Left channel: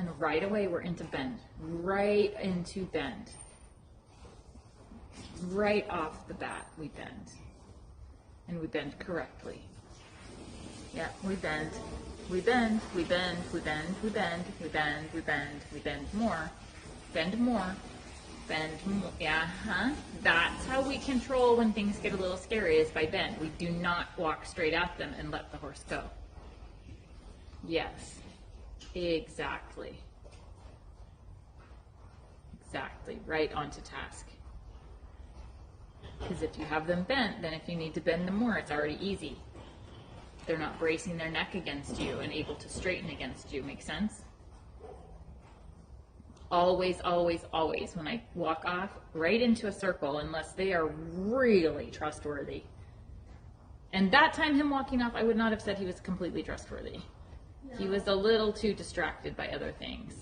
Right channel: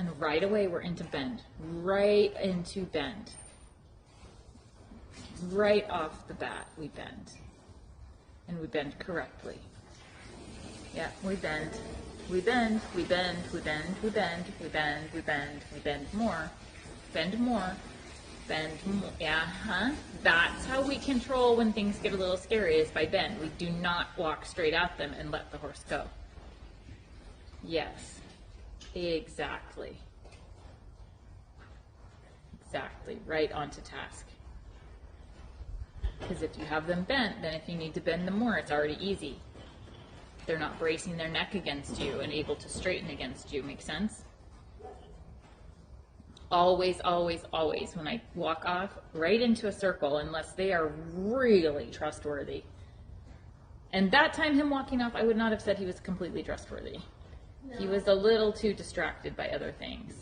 And right away we're into bend. Right into bend. Right off the bat we bend. And we bend correctly. Yeah, we bend. We bend, we bend, we bend, we bend, we bend, we bend, we bend more. Bend more. Bend more. Yeah, That's how we control when things get a little scary, is by bend. We do not walk straight at them and let the horse go. Yes, exactly. Exactly, right onto task. Because if you have them bent, then if you need to bend them more, it's already easy. They're not bracing their neck against you and able to straighten against you. Make sense? Always, always, always, when I walk off right into a circle, unless they are really trustworthy. And that time, him walking off, I would not have said he was completely trustworthy. No. He was a little too distracted by other things.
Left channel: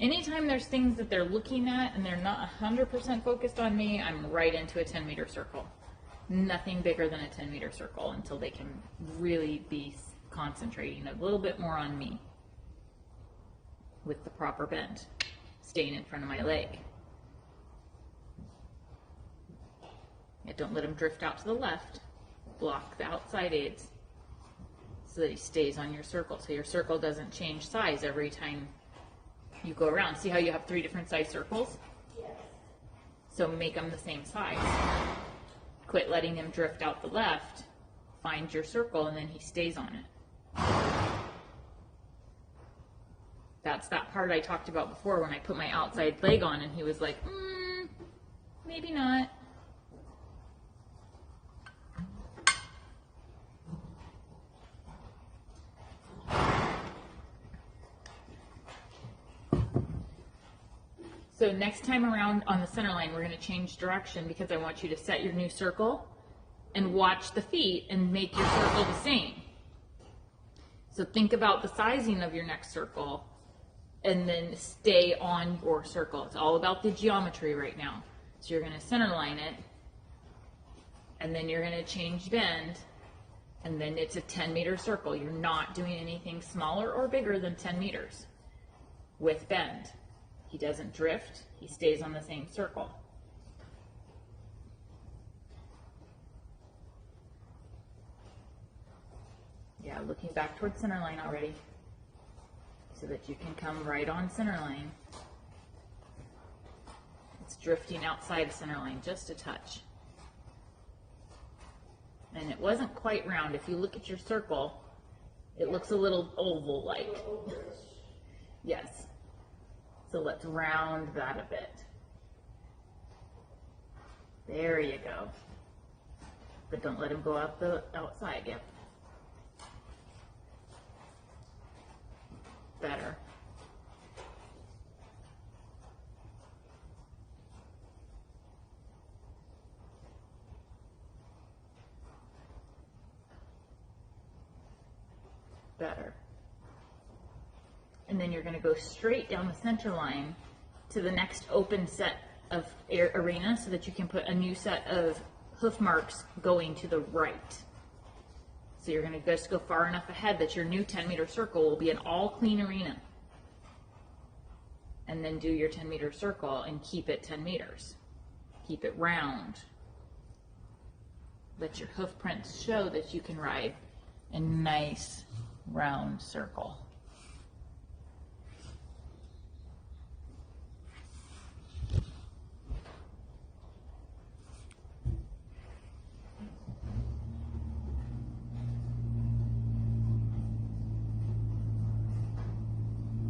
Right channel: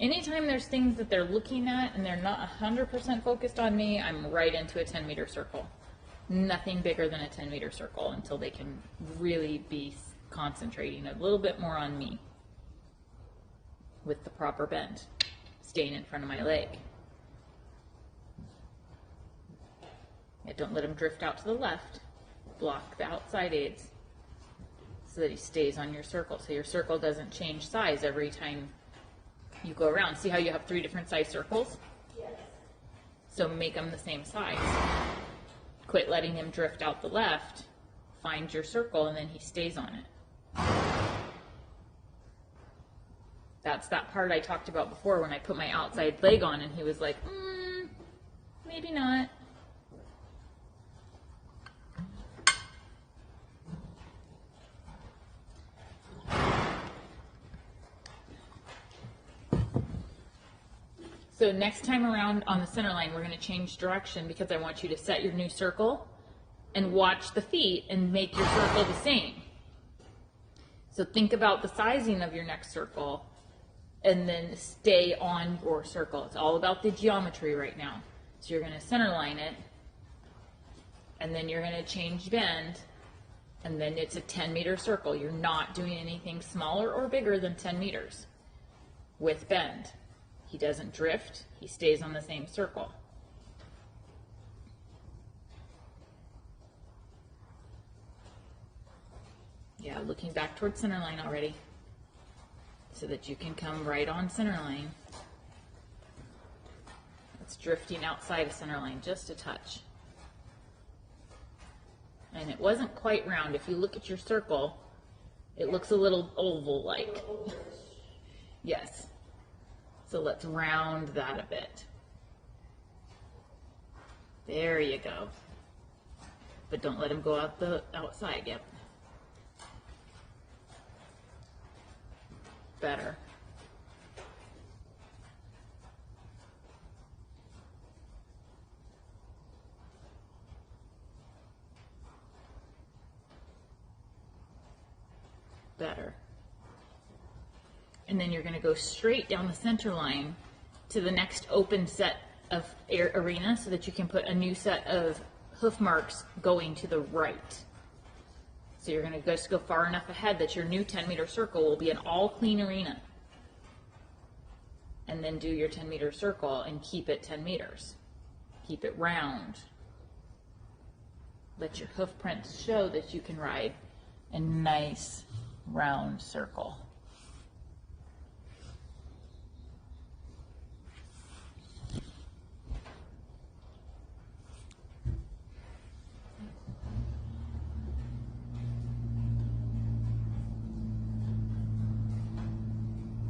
Anytime there's things that they're looking at and they're not 100% focused on me, I'm right into a 10-meter circle. Nothing bigger than a 10-meter circle until they can really be concentrating a little bit more on me with the proper bend, staying in front of my leg. Yeah, don't let him drift out to the left. Block the outside aids so that he stays on your circle, so your circle doesn't change size every time you go around. See how you have 3 different size circles? Yes. So make them the same size. Quit letting him drift out the left. Find your circle and then he stays on it. That's that part I talked about before when I put my outside leg on and he was like, maybe not. So next time around on the center line, we're going to change direction because I want you to set your new circle and watch the feet and make your circle the same. So think about the sizing of your next circle and then stay on your circle. It's all about the geometry right now. So you're going to center line it and then you're going to change bend and then it's a 10-meter circle. You're not doing anything smaller or bigger than 10 meters with bend. He doesn't drift, he stays on the same circle. Yeah, looking back towards center line already, so that you can come right on center line. It's drifting outside of center line just a touch. And it wasn't quite round. If you look at your circle, it looks a little oval-like. Yes. So let's round that a bit. There you go. But don't let him go out the outside. Yep. Better. Better. And then you're going to go straight down the center line to the next open set of arena so that you can put a new set of hoof marks going to the right. So you're going to just go far enough ahead that your new 10-meter circle will be an all clean arena. And then do your 10-meter circle and keep it 10 meters. Keep it round. Let your hoof prints show that you can ride a nice round circle.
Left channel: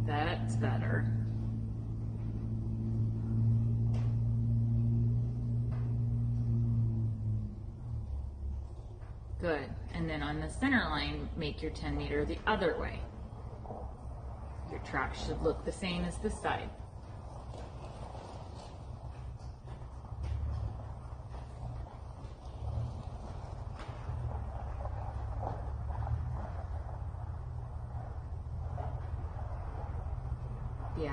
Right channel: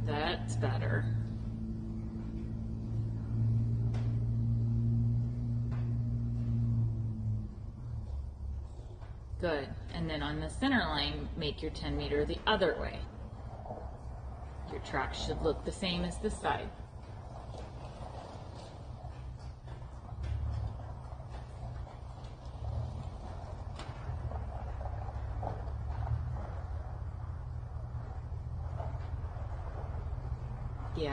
That's better. Good. And then on the center line, make your 10-meter the other way. Your track should look the same as this side. Yeah.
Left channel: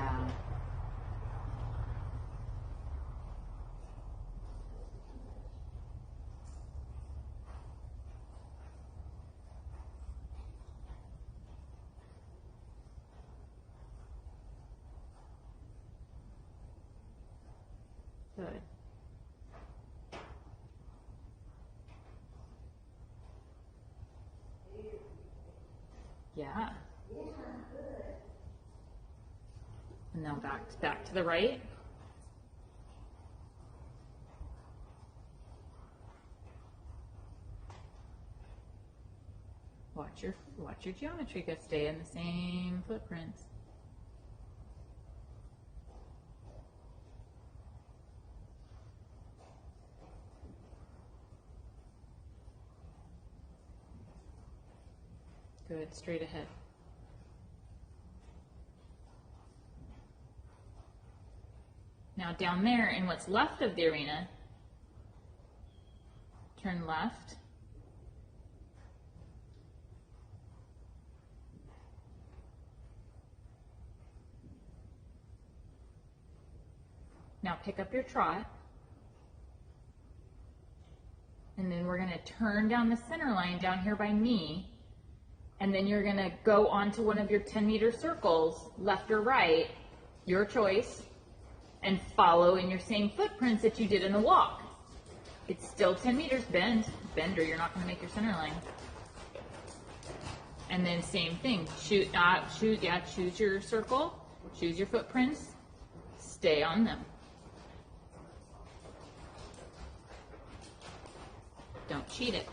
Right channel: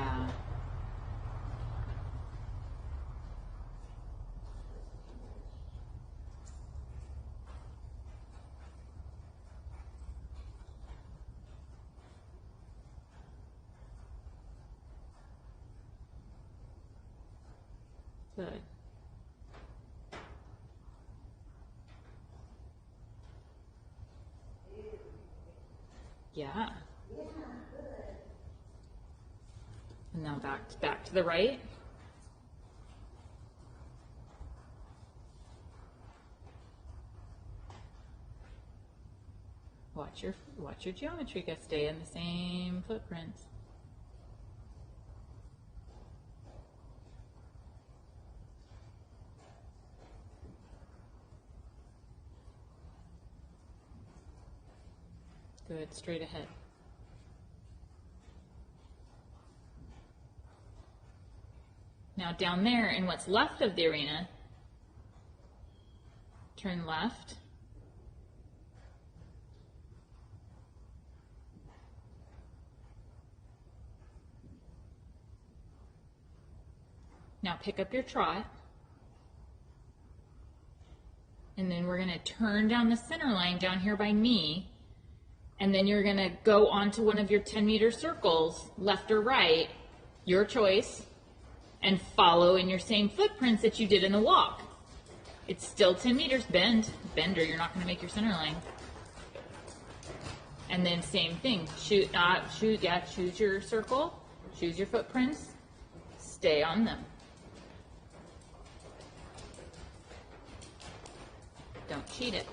Good. Yeah. And now back to the right. Watch your geometry go stay in the same footprints. Good, straight ahead. Now down there in what's left of the arena, turn left. Now pick up your trot. And then we're going to turn down the center line down here by me. And then you're going to go onto one of your 10-meter circles, left or right, your choice, and follow in your same footprints that you did in the walk. It's still 10 meters, bend or you're not going to make your center line. And then same thing, choose your circle, choose your footprints, stay on them. Don't cheat it.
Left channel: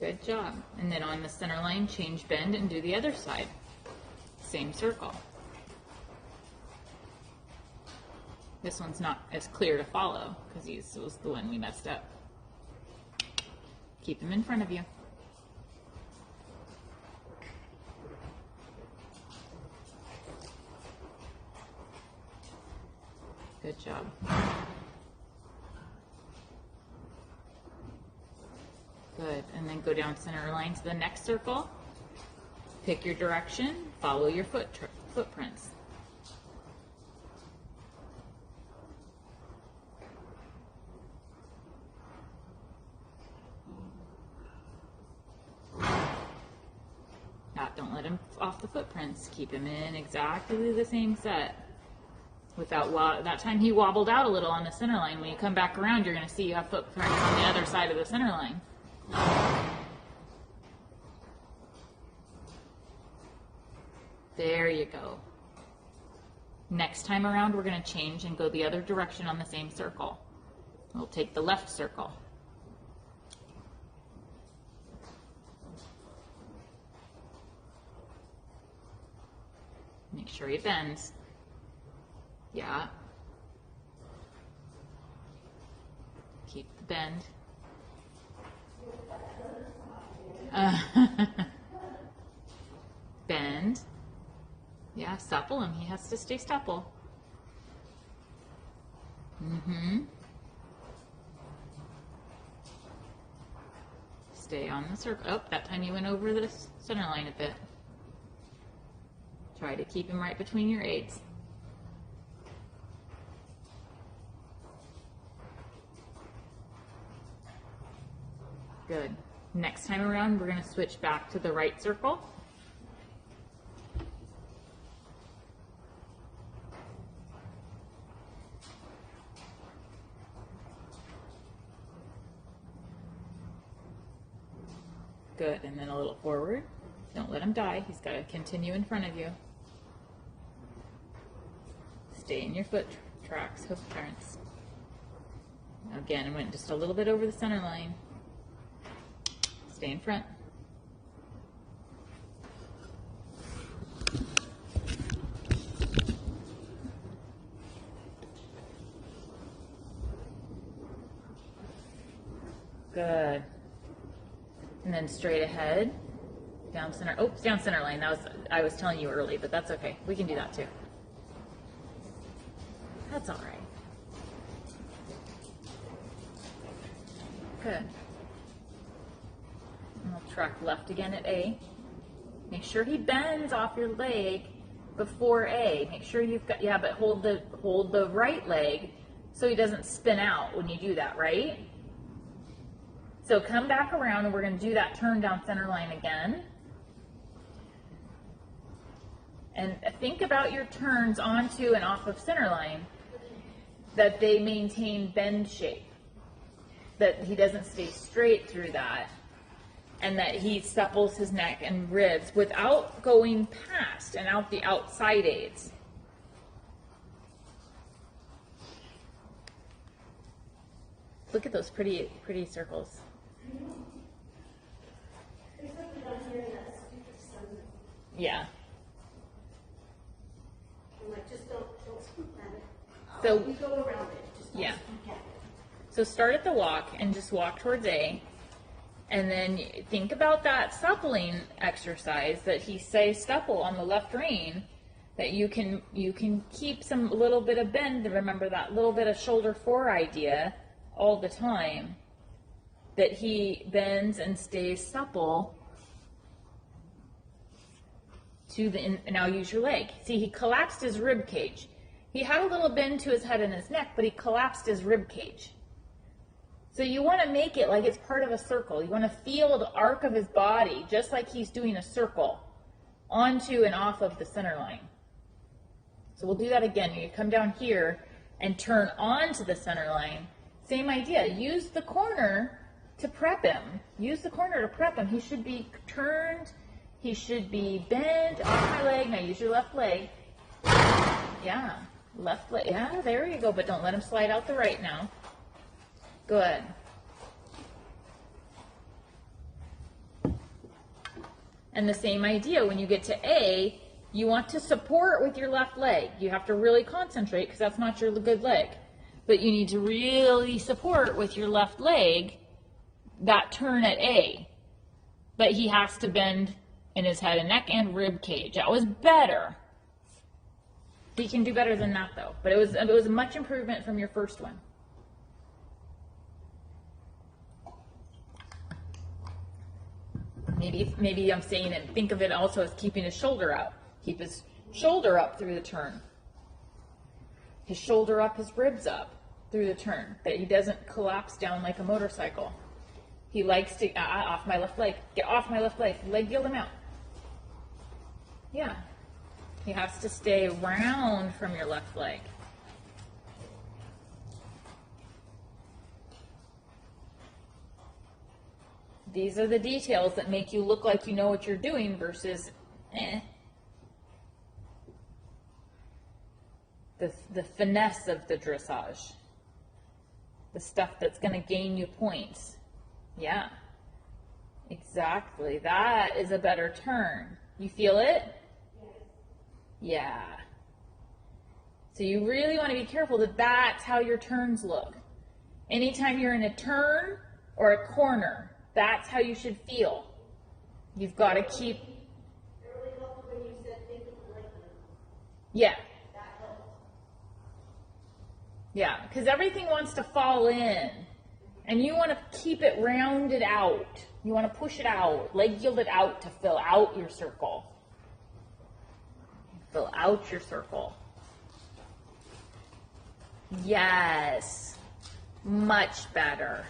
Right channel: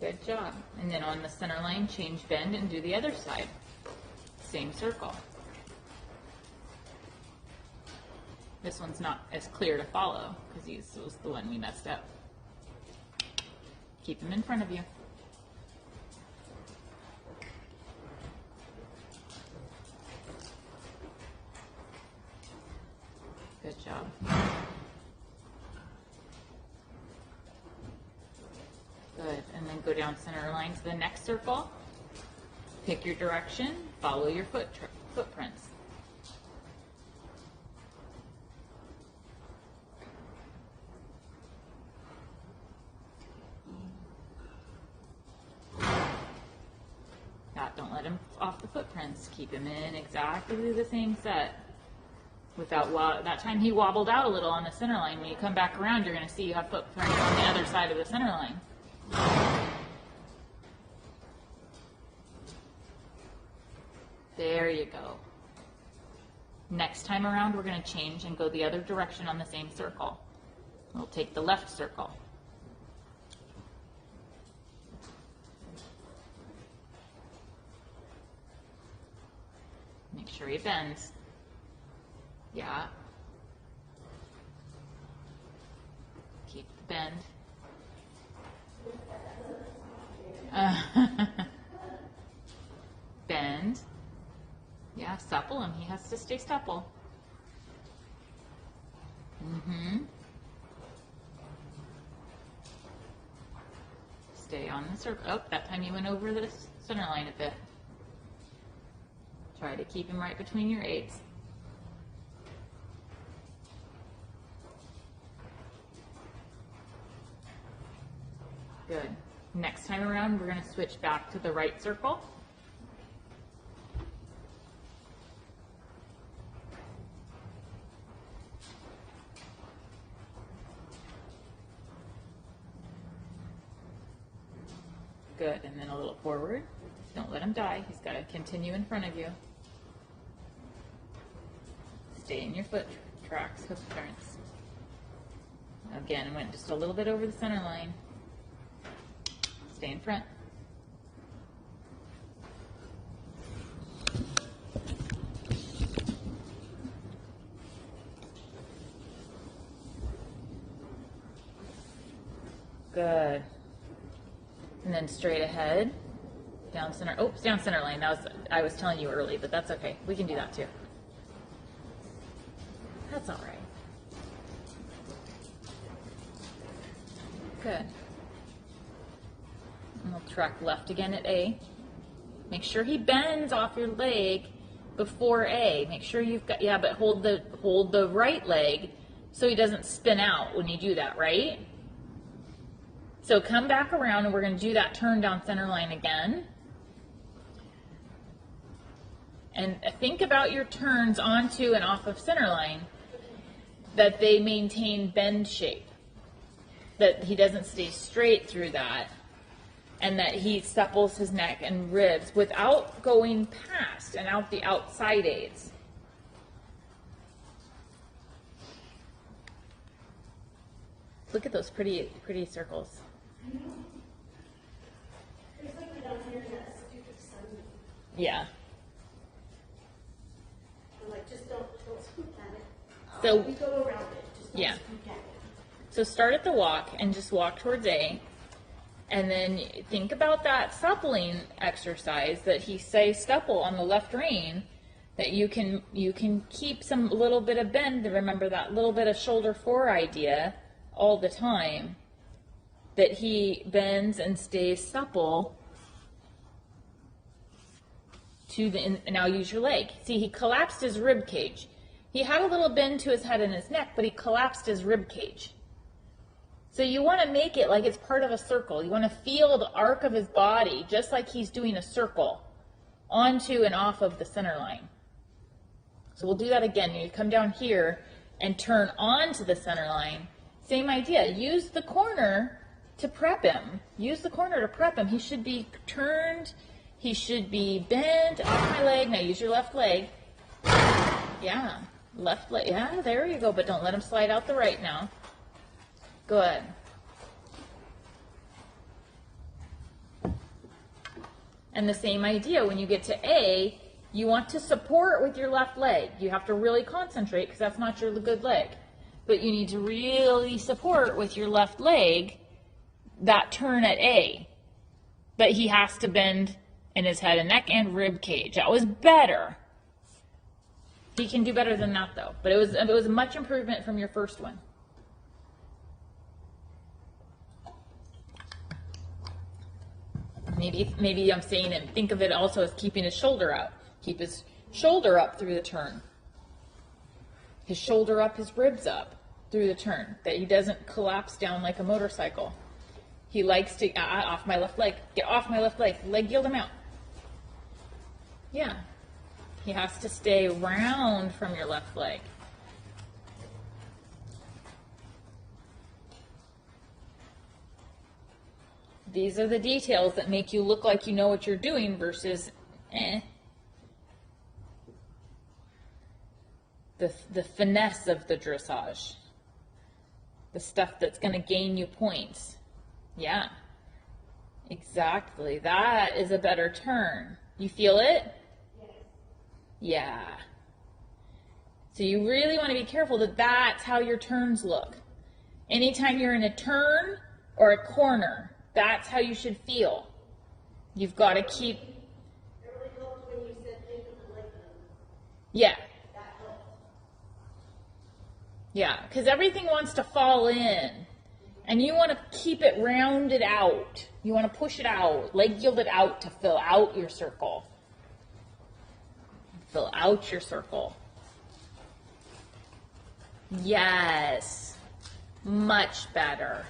Good job. And then on the center line, change bend and do the other side. Same circle. This one's not as clear to follow because this was the one we messed up. Keep them in front of you. Good job. Good, and then go down center line to the next circle. Pick your direction, follow your footprints. Don't let him off the footprints. Keep him in exactly the same set. That time he wobbled out a little on the center line. When you come back around, you're going to see you have footprints on the other side of the center line. There you go. Next time around, we're going to change and go the other direction on the same circle. We'll take the left circle. Make sure he bends. Yeah. Keep the bend. Bend. Yeah, supple him. He has to stay supple. Stay on the circle. Oh, that time you went over the center line a bit. Try to keep him right between your 8s. Good. Next time around, we're going to switch back to the right circle. Good, and then a little forward. Don't let him die. He's got to continue in front of you. Stay in your foot tracks, hoof turns. Again, went just a little bit over the center line. Stay in front. Good. And then straight ahead, down center. Oops, down center line. I was telling you early, but that's okay. We can do that too. That's all right. Good. And we'll track left again at A. Make sure he bends off your leg before A. Make sure you've got, yeah, but hold the right leg so he doesn't spin out when you do that, right? So come back around and we're going to do that turn down center line again. And think about your turns onto and off of center line, that they maintain bend shape, that he doesn't stay straight through that, and that he supples his neck and ribs without going past and out the outside aids. Look at those pretty circles. Yeah. I'm like, just don't swoop at it. So You go around it. Just don't yeah. swoop at it. So start at the walk and just walk towards A. And then think about that suppling exercise that he says supple on the left rein, that you can keep some little bit of bend, and remember that little bit of shoulder fore idea all the time, that he bends and stays supple to the, and now use your leg. See, he collapsed his rib cage. He had a little bend to his head and his neck, but he collapsed his rib cage. So you want to make it like it's part of a circle. You want to feel the arc of his body, just like he's doing a circle, onto and off of the center line. So we'll do that again. You come down here and turn onto the center line. Same idea. Use the corner to prep him. Use the corner to prep him. He should be turned. He should be bent on my leg. Now use your left leg. Yeah, left leg. Yeah, there you go. But don't let him slide out the right now. Good. And the same idea, when you get to A, you want to support with your left leg. You have to really concentrate because that's not your good leg. But you need to really support with your left leg that turn at A. But he has to bend in his head and neck and rib cage. That was better. He can do better than that though. But it was a much improvement from your first one. Maybe I'm saying it, think of it also as keeping his shoulder up. Keep his shoulder up through the turn. His shoulder up, his ribs up through the turn. That he doesn't collapse down like a motorcycle. He likes to, off my left leg. Get off my left leg. Leg yield him out. Yeah. He has to stay round from your left leg. These are the details that make you look like you know what you're doing versus the finesse of the dressage. The stuff that's going to gain you points. Yeah. Exactly. That is a better turn. You feel it? Yeah. So you really want to be careful that that's how your turns look. Anytime you're in a turn or a corner, that's how you should feel. You've got to keep. It really helped when you said think of the leg limb. Yeah. That helped. Yeah, because everything wants to fall in. And you want to keep it rounded out. You want to push it out, leg yield it out to fill out your circle. Fill out your circle. Yes. Much better.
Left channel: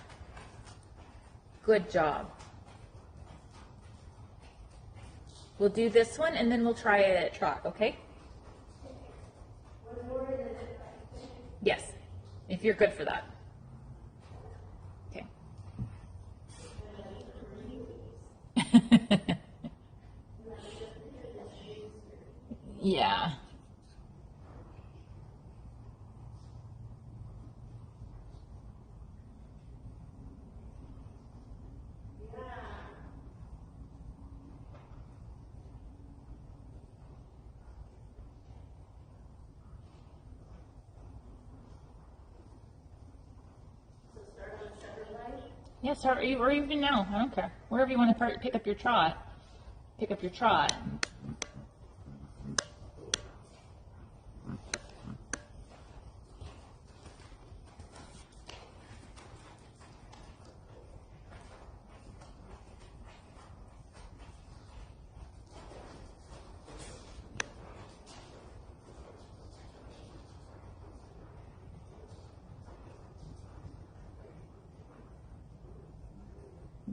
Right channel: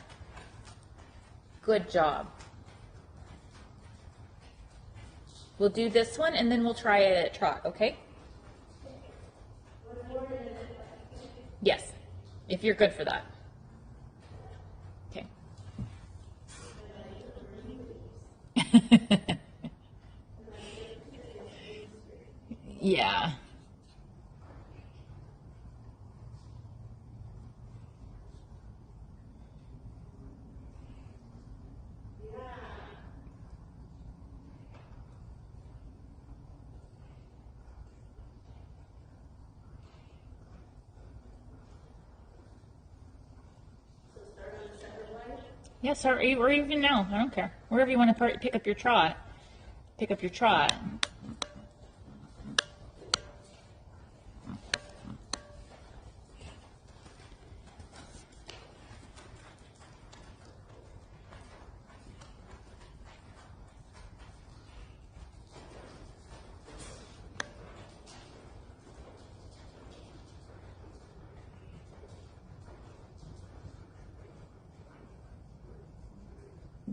Good job. We'll do this one and then we'll try it at track, okay? Yes, if you're good for that. Okay. Yeah. Yes, or even now. I don't care. Wherever you want to pick up your trot. Pick up your trot.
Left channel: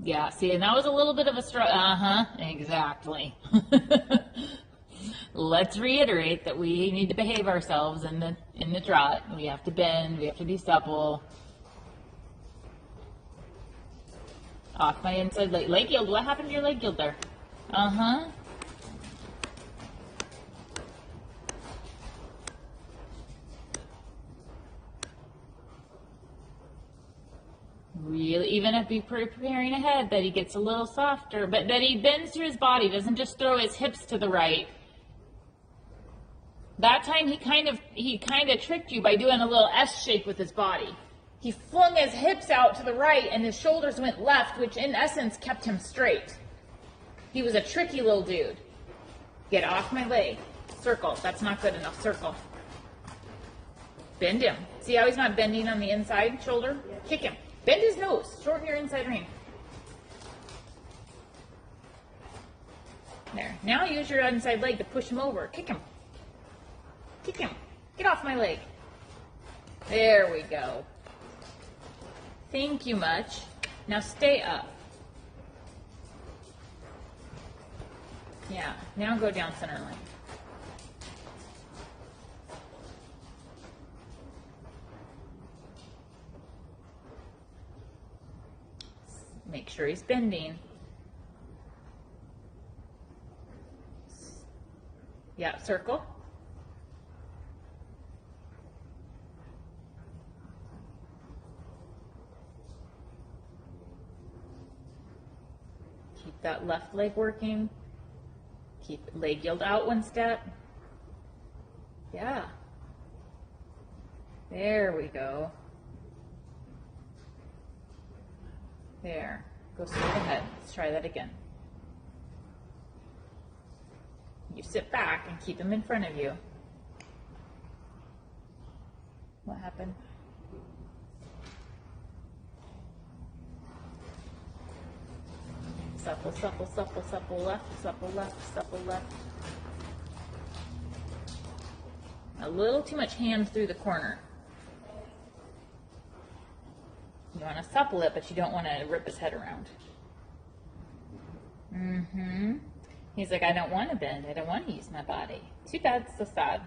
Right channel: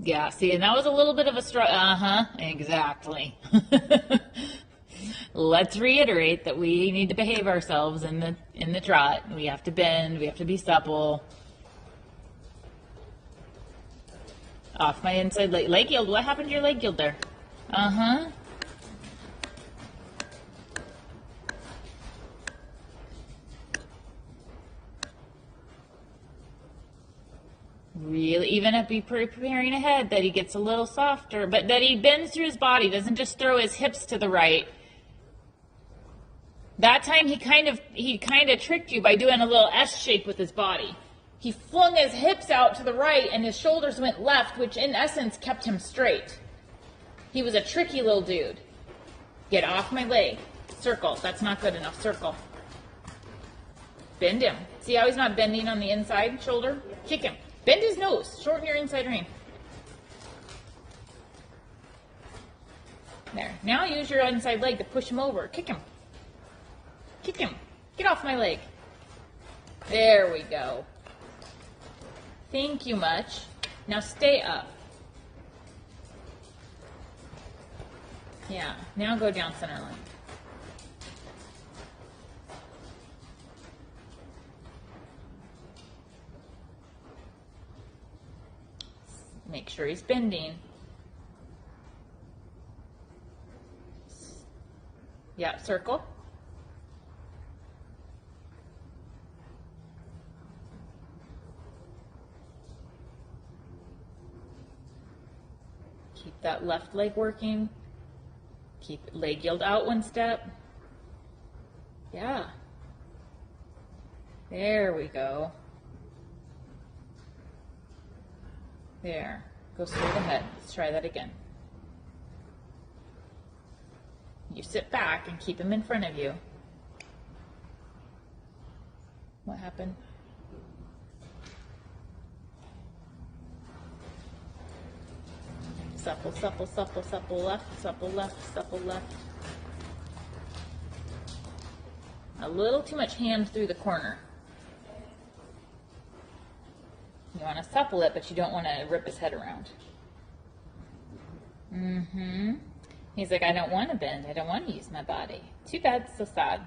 Yeah, see, and that was a little bit of a struggle. Exactly. let's reiterate that we need to behave ourselves in the trot. We have to bend, we have to be supple. Off my inside leg yield. What happened to your leg yield there? Uh-huh. Really, even if we preparing ahead, that he gets a little softer, but that he bends through his body, doesn't just throw his hips to the right. That time he kind of tricked you by doing a little S shape with his body. He flung his hips out to the right and his shoulders went left, which in essence kept him straight. He was a tricky little dude. Get off my leg. Circle. That's not good enough. Circle. Bend him. See how he's not bending on the inside shoulder? Kick him. Bend his nose. Shorten your inside rein. There. Now use your inside leg to push him over. Kick him. Kick him. Get off my leg. There we go. Thank you much. Now stay up. Yeah. Now go down center line. Make sure he's bending. Yeah, circle. Keep that left leg working. Keep leg yield out one step. Yeah. There we go. There. Go straight ahead. Let's try that again. You sit back and keep him in front of you. What happened? Supple, supple, supple, supple left, supple left, supple left. A little too much hand through the corner. You want to supple it, but you don't want to rip his head around. He's like, I don't want to bend. I don't want to use my body. Too bad, so sad.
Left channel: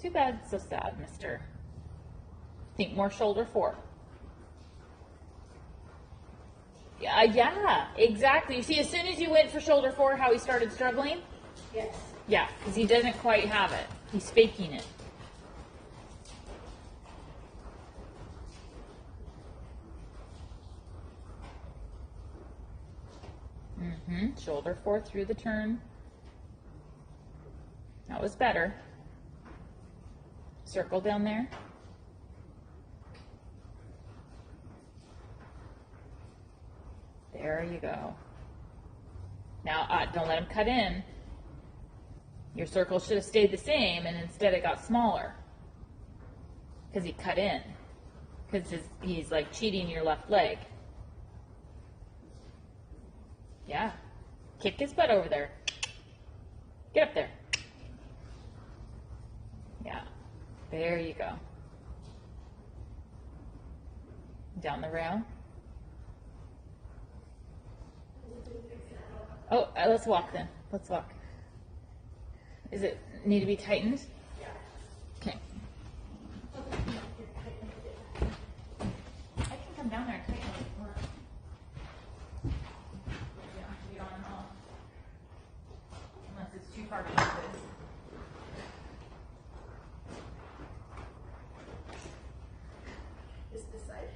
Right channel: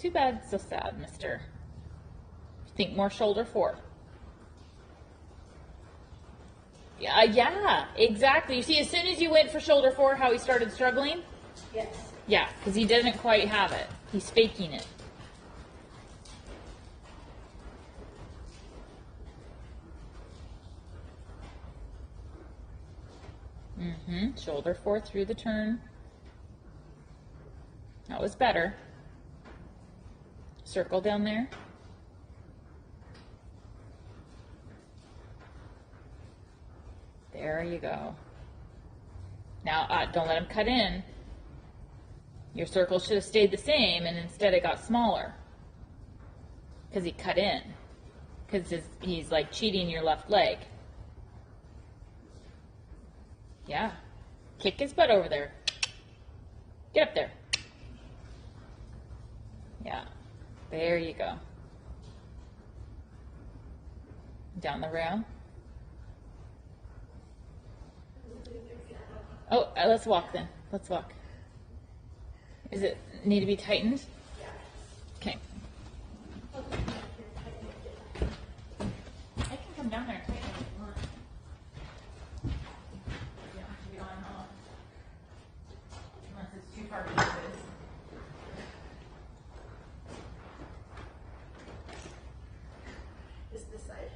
Too bad, so sad, mister. Think more shoulder 4. Yeah, exactly. You see, as soon as you went for shoulder 4, how he started struggling? Yes. Yeah, because he doesn't quite have it. He's faking it. Shoulder 4 through the turn. That was better. Circle down there. There you go. Now, don't let him cut in. Your circle should have stayed the same, and instead it got smaller. Because he cut in. Because he's like cheating your left leg. Yeah. Kick his butt over there. Get up there. Yeah. There you go. Down the rail. Oh, let's walk then. Let's walk. Is it need to be tightened? Yeah. Okay. I can come down there and tighten it if you want. Yeah, you don't know. Unless it's too far to do this. Just this side.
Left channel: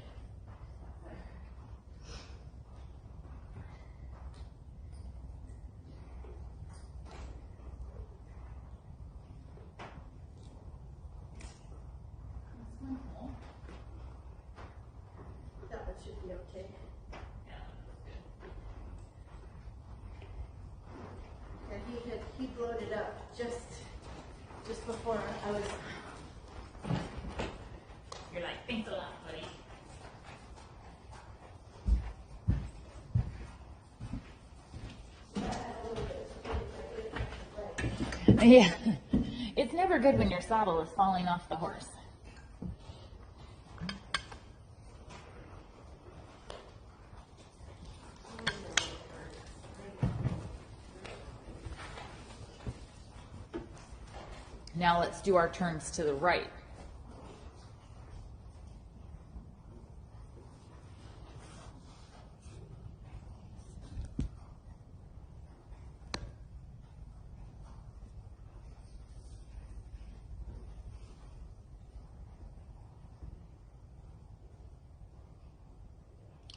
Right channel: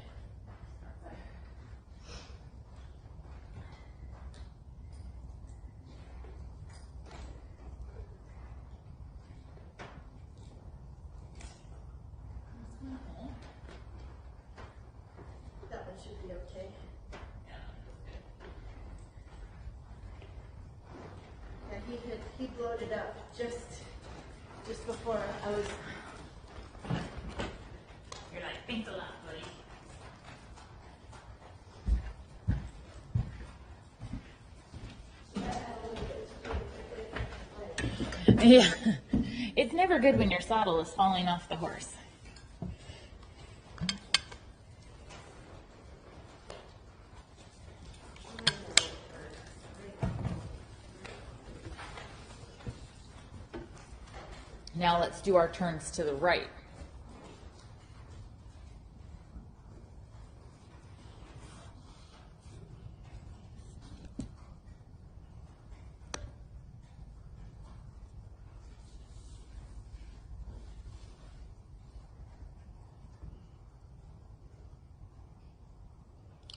That one should be okay. Yeah, he blowed it up just before I was. You're like, think a lot, buddy. Yeah. It's never good when your saddle is falling off the horse. Now let's do our turns to the right.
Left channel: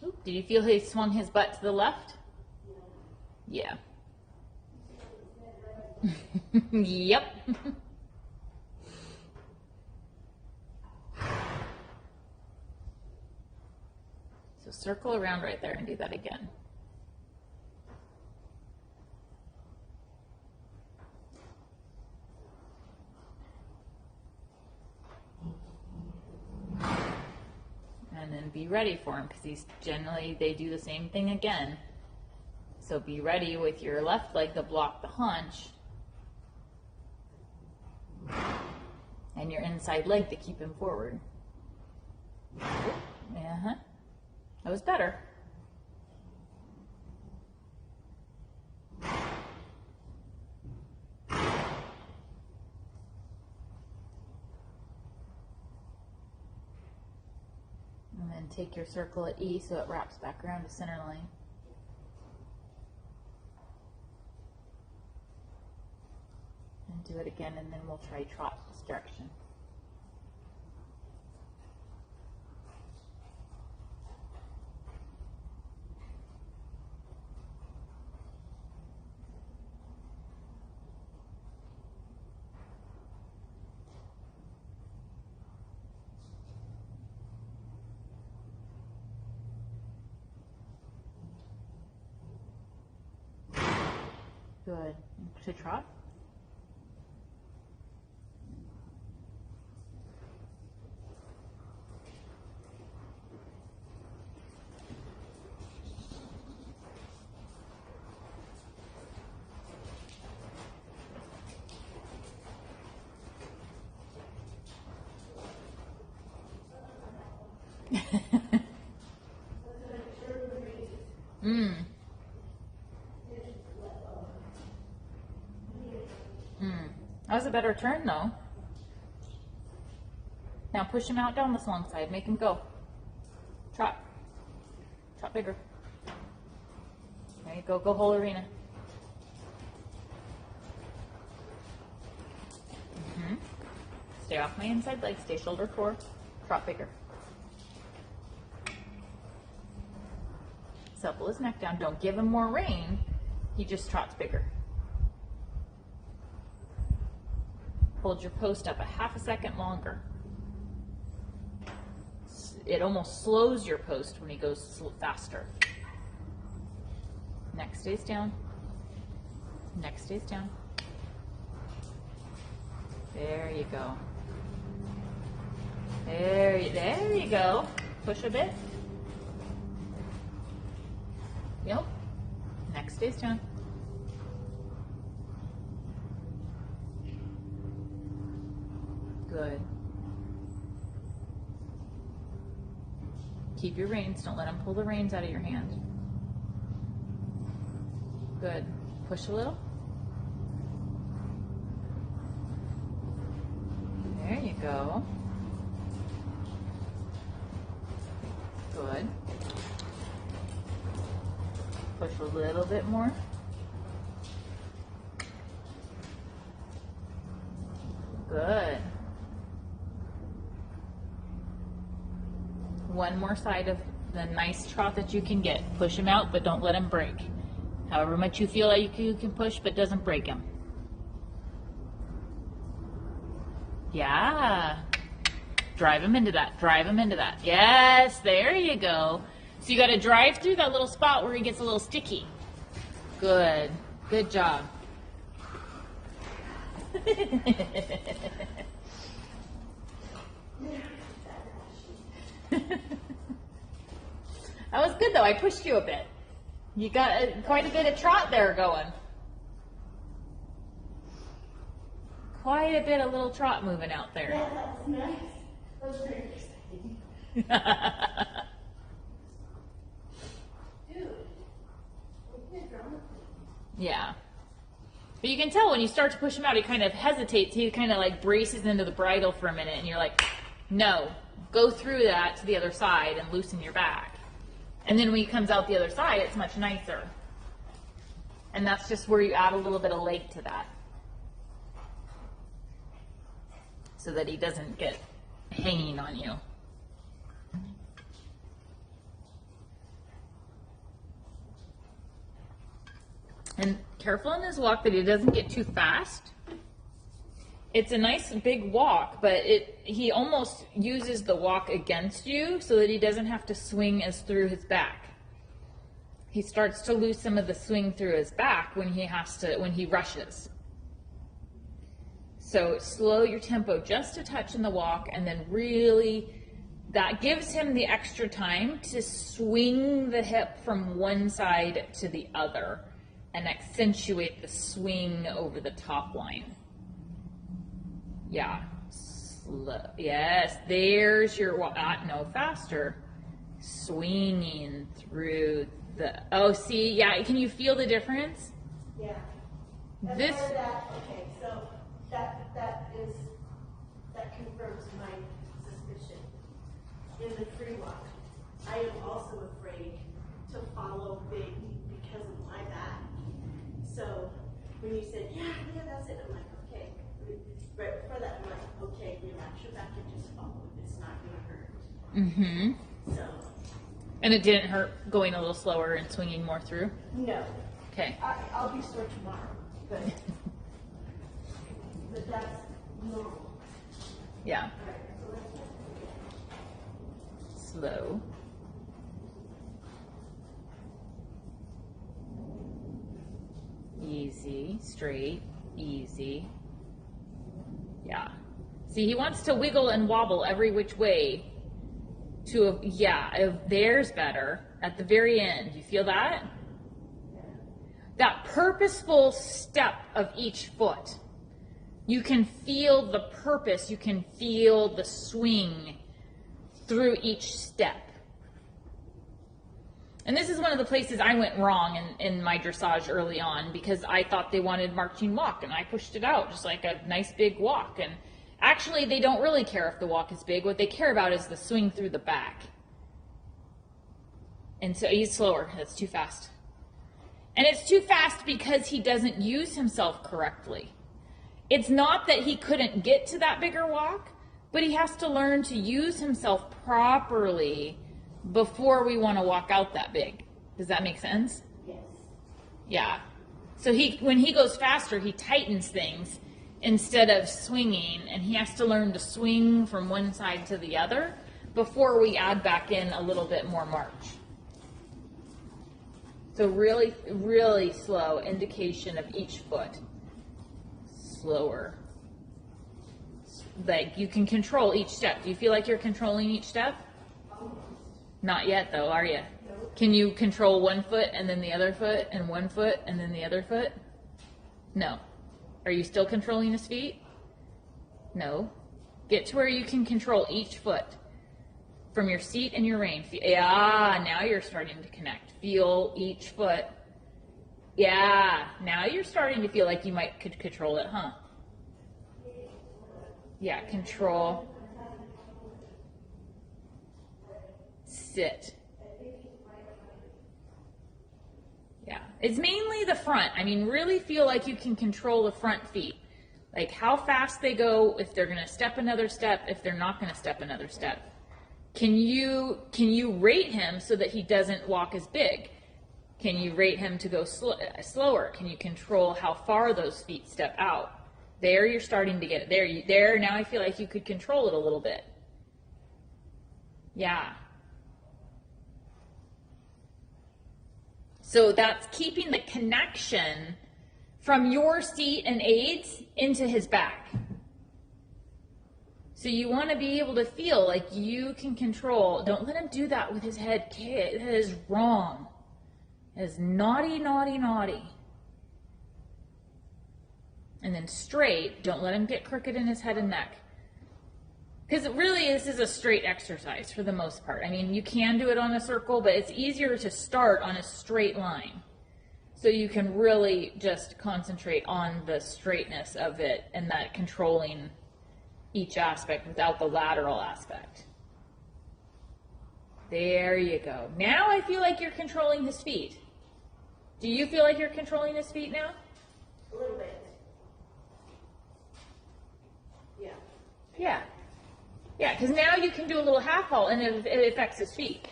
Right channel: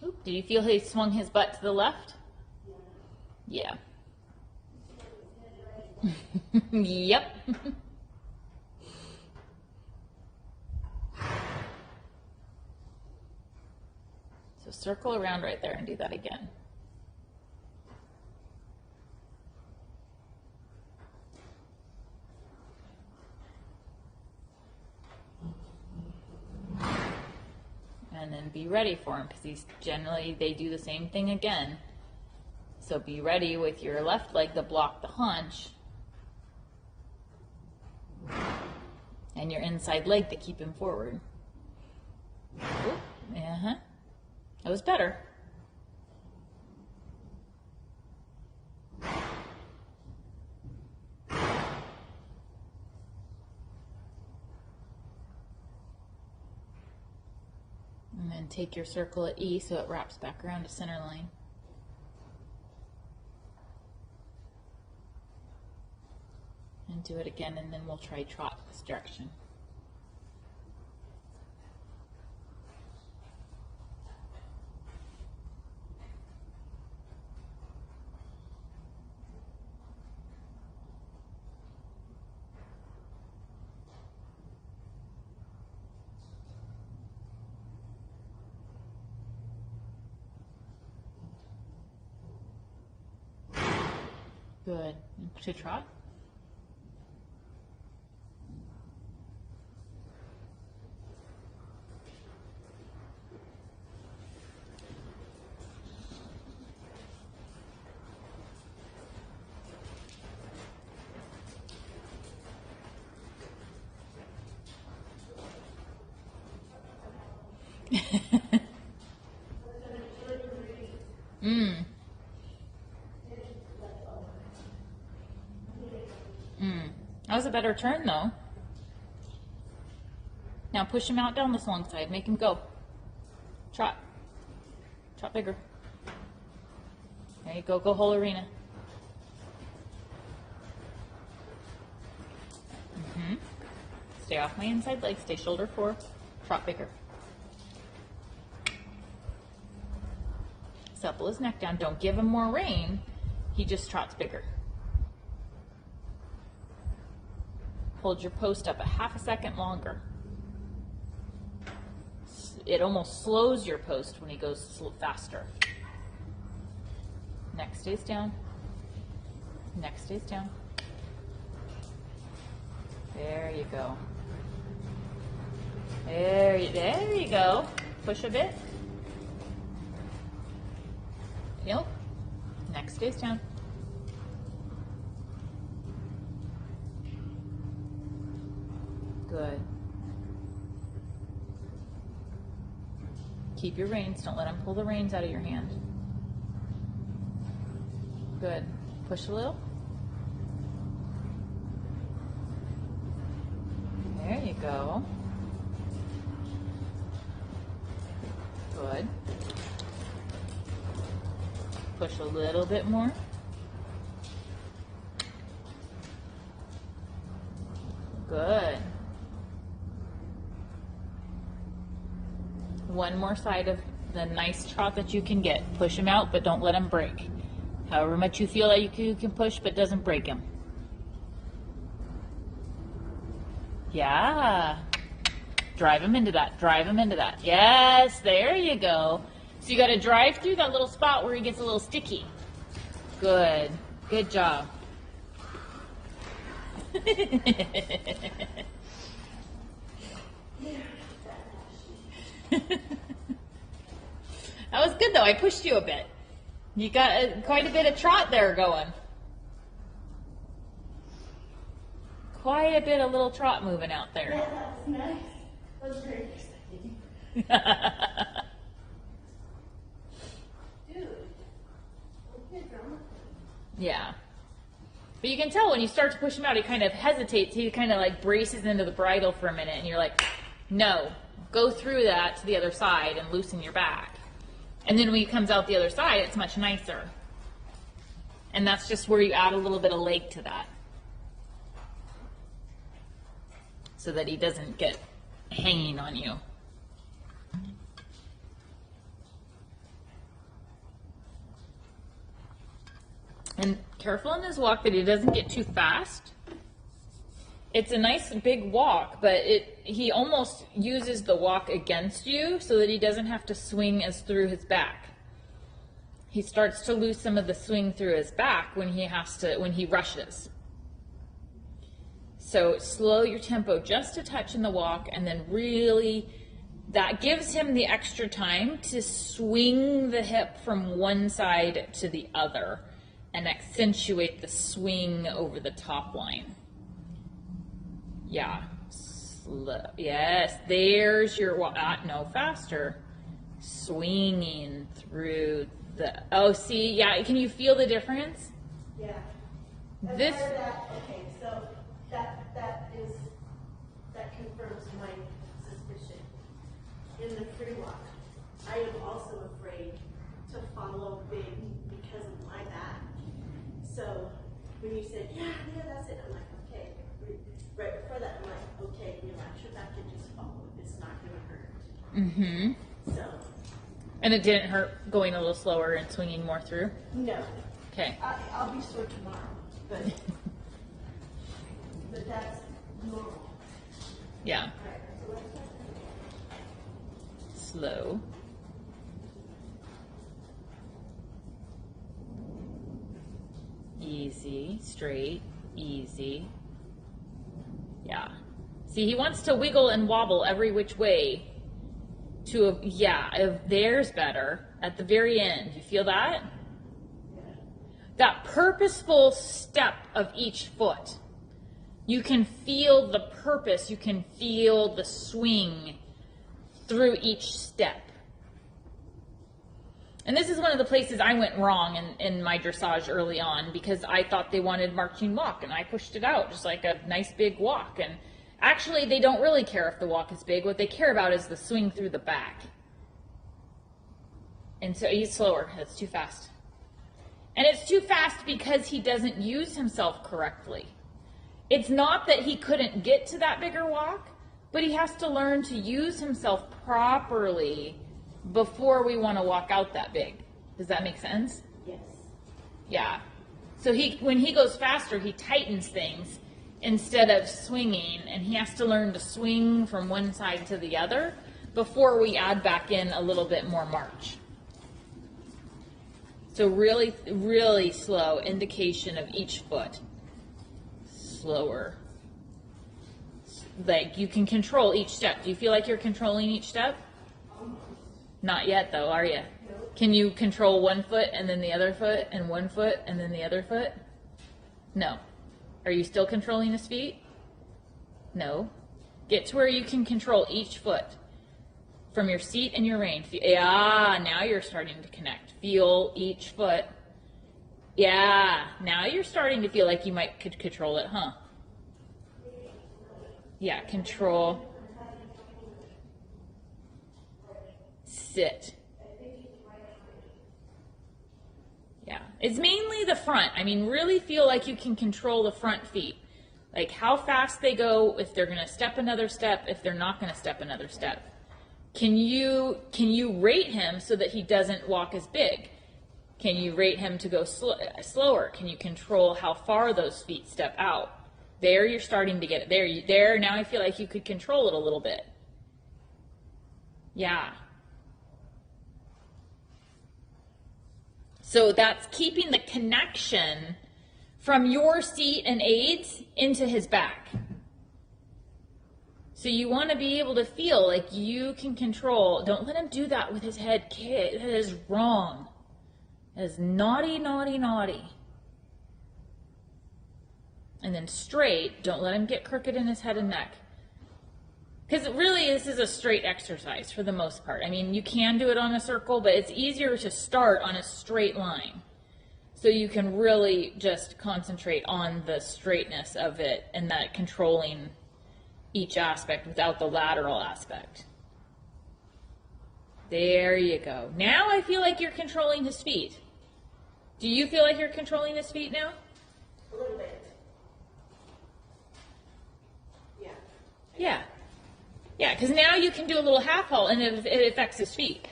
Oop, do you feel he swung his butt to the left? Yeah. Yep. So circle around right there and do that again. And then be ready for him, because generally they do the same thing again. So be ready with your left leg to block the haunch and your inside leg to keep him forward. Uh-huh. That was better. And then take your circle at E so it wraps back around to center line. And do it again, and then we'll try trot this direction. Good. To trot. That was a better turn though. Now push him out down this long side. Make him go. Trot. Trot bigger. There you go. Go whole arena. Stay off my inside leg. Stay shoulder core. Trot bigger. Supple his neck down. Don't give him more rein. He just trots bigger. Hold your post up a half a second longer. It almost slows your post when he goes faster. Neck stays down. Neck stays down. There you go. There you go. Push a bit. Yep. Neck stays down. Good. Keep your reins. Don't let him pull the reins out of your hand. Good. Push a little. There you go. Good. Push a little bit more. Good. One more side of the nice trot that you can get. Push him out, but don't let him break. However much you feel like you can push, but doesn't break him. Yeah. Drive him into that. Drive him into that. Yes, there you go. So you got to drive through that little spot where he gets a little sticky. Good. Good job. That was good though. I pushed you a bit. You got quite a bit of trot there going. Quite a bit of little trot moving out there. Yeah, that was nice. That was very exciting. Dude, we can't drama. Yeah. But you got can tell when you start to push him out, he kind of hesitates. He kind of like braces into the bridle for a minute, and you're like, no, go through that to the other side and loosen your back. And then when he comes out the other side, it's much nicer. And that's just where you add a little bit of leg to that, so that he doesn't get hanging on you. And careful in his walk that he doesn't get too fast. It's a nice big walk, but he almost uses the walk against you so that he doesn't have to swing as through his back. He starts to lose some of the swing through his back when he rushes. So slow your tempo just a touch in the walk, and then really, that gives him the extra time to swing the hip from one side to the other and accentuate the swing over the top line. Yeah, slow. Yes, there's your walk. No, faster. Swinging through the, oh, see, yeah, can you feel the difference? Yeah. This, Okay, so that confirms my suspicion. In the free walk, I am also afraid to follow big because of my back. So when you said, yeah, that's it, I'm like, okay. Right before that, I'm like, okay, relax your back and just follow. It's not going to hurt. mm-hmm. So. And it didn't hurt going a little slower and swinging more through? No. Okay. I'll be sore tomorrow, but that's normal. Yeah. Slow. Easy, straight, easy. Yeah. See, he wants to wiggle and wobble every which way to, if there's better at the very end. You feel that? That purposeful step of each foot. You can feel the purpose, you can feel the swing through each step. And this is one of the places I went wrong in my dressage early on, because I thought they wanted marching walk, and I pushed it out just like a nice big walk. And actually, they don't really care if the walk is big. What they care about is the swing through the back. And so he's slower. It's too fast. And it's too fast because he doesn't use himself correctly. It's not that he couldn't get to that bigger walk, but he has to learn to use himself properly before we want to walk out that big. Does that make sense? Yes. Yeah. So when he goes faster, he tightens things instead of swinging, and he has to learn to swing from one side to the other before we add back in a little bit more march. So really, really slow indication of each foot. Slower. Like you can control each step. Do you feel like you're controlling each step? Not yet though, are you? Can you control one foot and then the other foot and one foot and then the other foot? No. Are you still controlling his feet? No. Get to where you can control each foot from your seat and your rein. Yeah, now you're starting to connect. Feel each foot. Yeah, now you're starting to feel like you could control it, huh? Yeah, control. Sit. Yeah, it's mainly the front. I mean, really feel like you can control the front feet. Like how fast they go, if they're going to step another step, if they're not going to step another step. Can you rate him so that he doesn't walk as big? Can you rate him to go slower? Can you control how far those feet step out? There you're starting to get it. There, now I feel like you could control it a little bit. Yeah. So that's keeping the connection from your seat and aids into his back. So you want to be able to feel like you can control. Don't let him do that with his head. Kid, that is wrong. That is naughty, naughty, naughty. And then straight. Don't let him get crooked in his head and neck. Because really, this is a straight exercise for the most part. I mean, you can do it on a circle, but it's easier to start on a straight line. So you can really just concentrate on the straightness of it and that controlling each aspect without the lateral aspect. There you go. Now I feel like you're controlling his feet. Do you feel like you're controlling his feet now? A little bit. Yeah. Yeah. Yeah, because now you can do a little half vault and it affects his feet.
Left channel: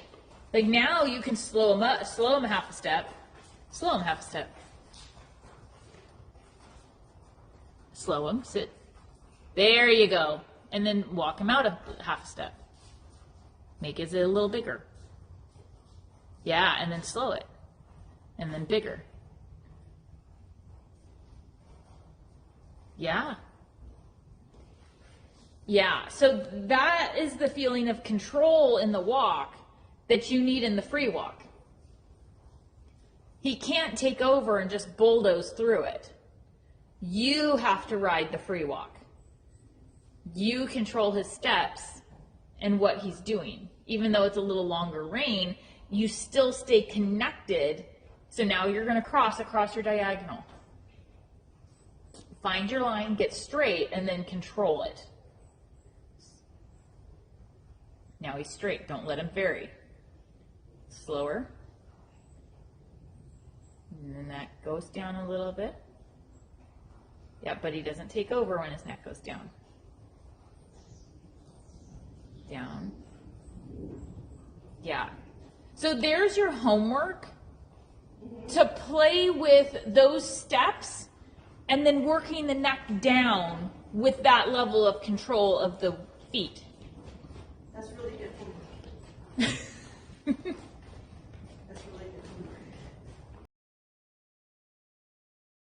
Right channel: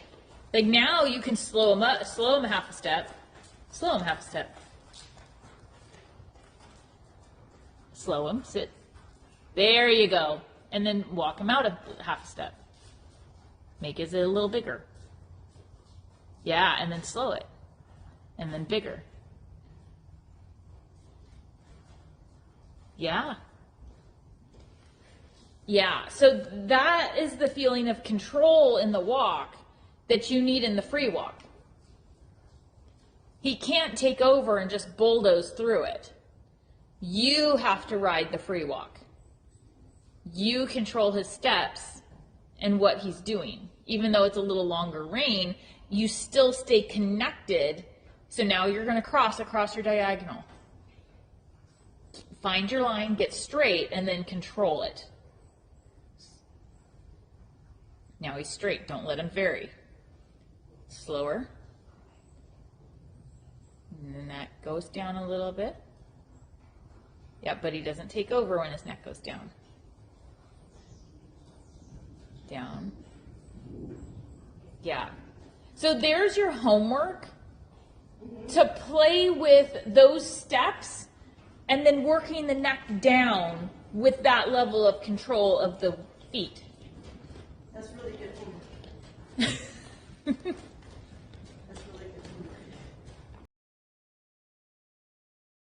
Like now you can slow him up, slow him half a step, slow him half a step. Slow him, sit. There you go. And then walk him out a half a step. Make it a little bigger. Yeah, and then slow it. And then bigger. Yeah. Yeah, so that is the feeling of control in the walk that you need in the free walk. He can't take over and just bulldoze through it. You have to ride the free walk. You control his steps and what he's doing. Even though it's a little longer rein, you still stay connected. So now you're going to cross across your diagonal. Find your line, get straight, and then control it. Now he's straight. Don't let him vary. Slower. And the neck goes down a little bit. Yeah, but he doesn't take over when his neck goes down. Down. Yeah. So there's your homework to play with those steps and then working the neck down with that level of control of the feet. That's really good homework.